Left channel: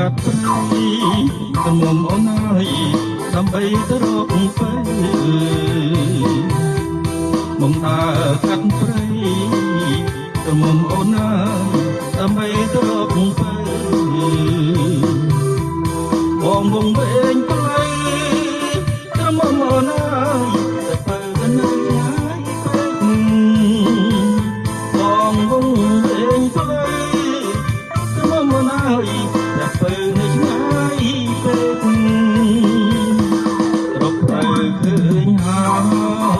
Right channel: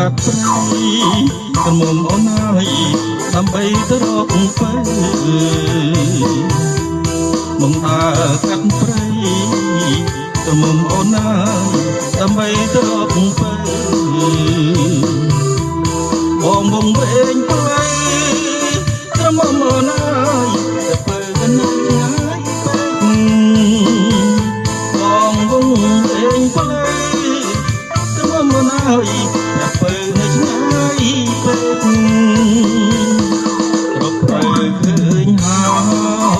កាត់ព្រៃកុំអូនអើយដើម្បីទៅរកពេលមកដើរកាត់ព្រៃកុំអូនអើយដើម្បីទៅរកពេលបងវងវែងព្រៃត្រមអូនអើយតែពេលកណ្ដាលងាយពេកបងវងវែងព្រៃត្រមអូនអើយតែពេលនៅឆ្ងាយពេករកផ្លូវឃើញហើ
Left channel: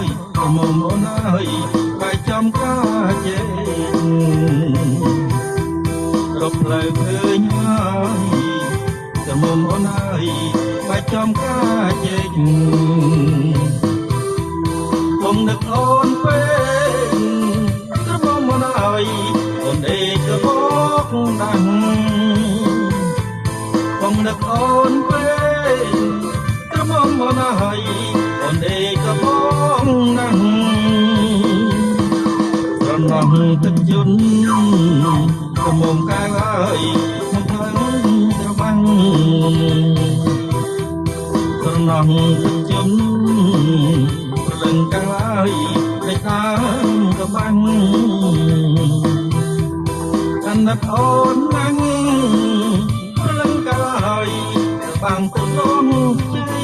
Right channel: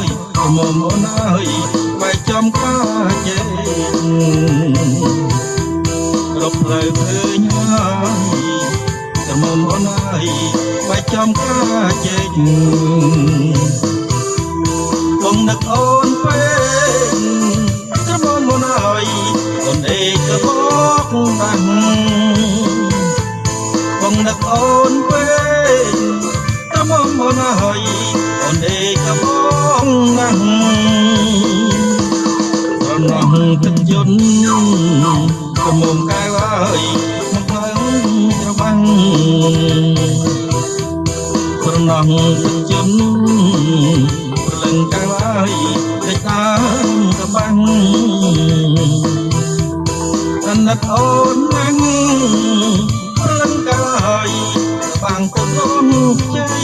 យត្រមអូនអើយបែកចំការជែករកផ្លូវឃើញហើយត្រមអូនអើយបែកចំការជែកបងនឹកអូនពេកត្រមអូនអើយអូនដេកក៏បកដាំងបងនឹកអូនពេកត្រមអូនអើយអូនដេកក៏បងដាំងត្រណោះទឹកយន្តត្រមកែវអើយមកហើយត្របាំងត្រណោះទឹកយន្តព្រលឹងកែវអើយលេចតាមត្របាំងអាណិតអូនណាំងព្រលឹងកែវអើយត្របាំងទៅលំជ័យ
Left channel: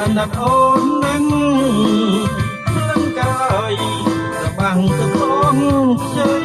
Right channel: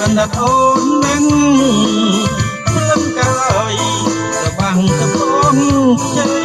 អាណិតអូនណាំងព្រលឹងកែវអើយត្របាំងទៅលំជ័យ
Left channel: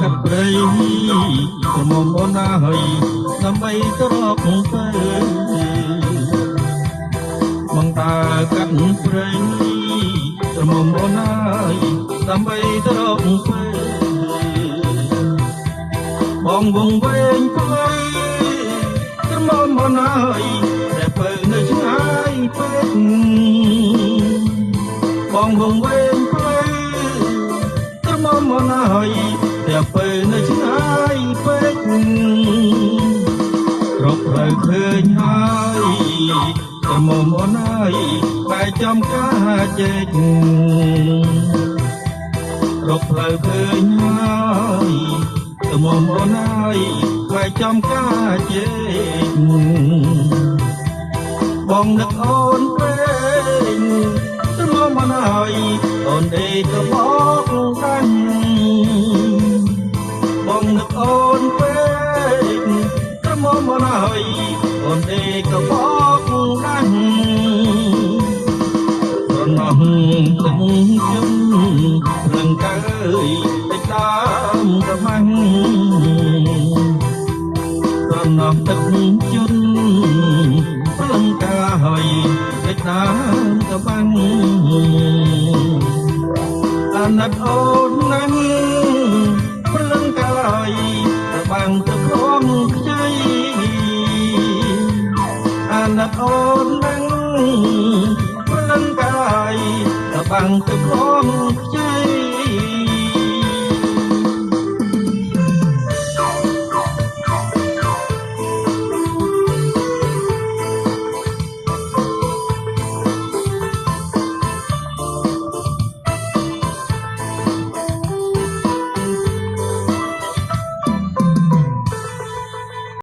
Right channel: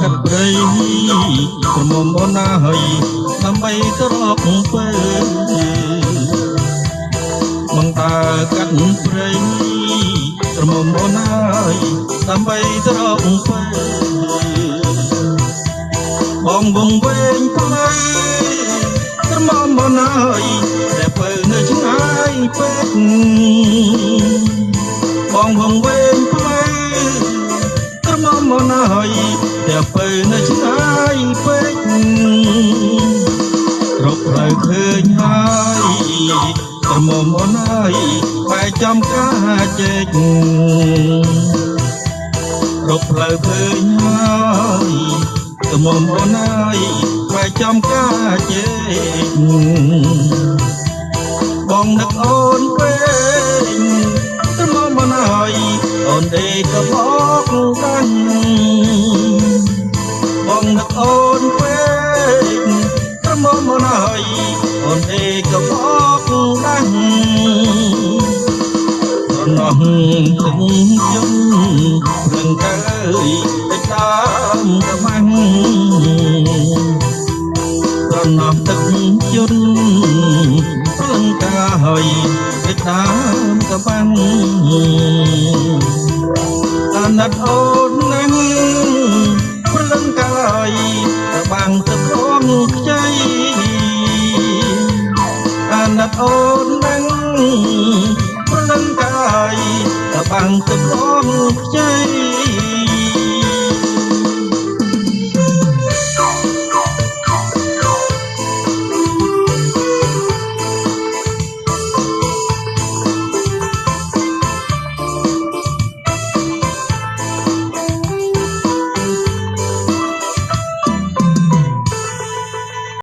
កាត់ព្រៃក្រមុំអូនអើយដើម្បីទៅរកពេលមកដើរកាត់ព្រៃក្រមុំអូនអើយដើម្បីទៅរកពេលបងវងវែងផ្លូវក្រមុំអូនអើយតែពេលនៅឆ្ងាយពេកបងវងវែងផ្លូវក្រមុំអូនអើយតែពេលនៅឆ្ងាយពេករកផ្លូវឃើញហើយត្រមអូនអើយបែកចំការជែករកផ្លូវឃើញហើយត្រមអូនអើយបែកចំការជែកបងនឹកអូនពេកត្រមអូនអើយអូនដេកក៏បកដាំងបងនឹកអូនពេកត្រមអូនអើយអូនដេកក៏បកដាំងត្រណោះទឹកយន្តព្រលឹងកែវតិចតាមត្របាំងត្រណោះទឹកយន្តព្រលឹងកែវតិចតាមត្របាំង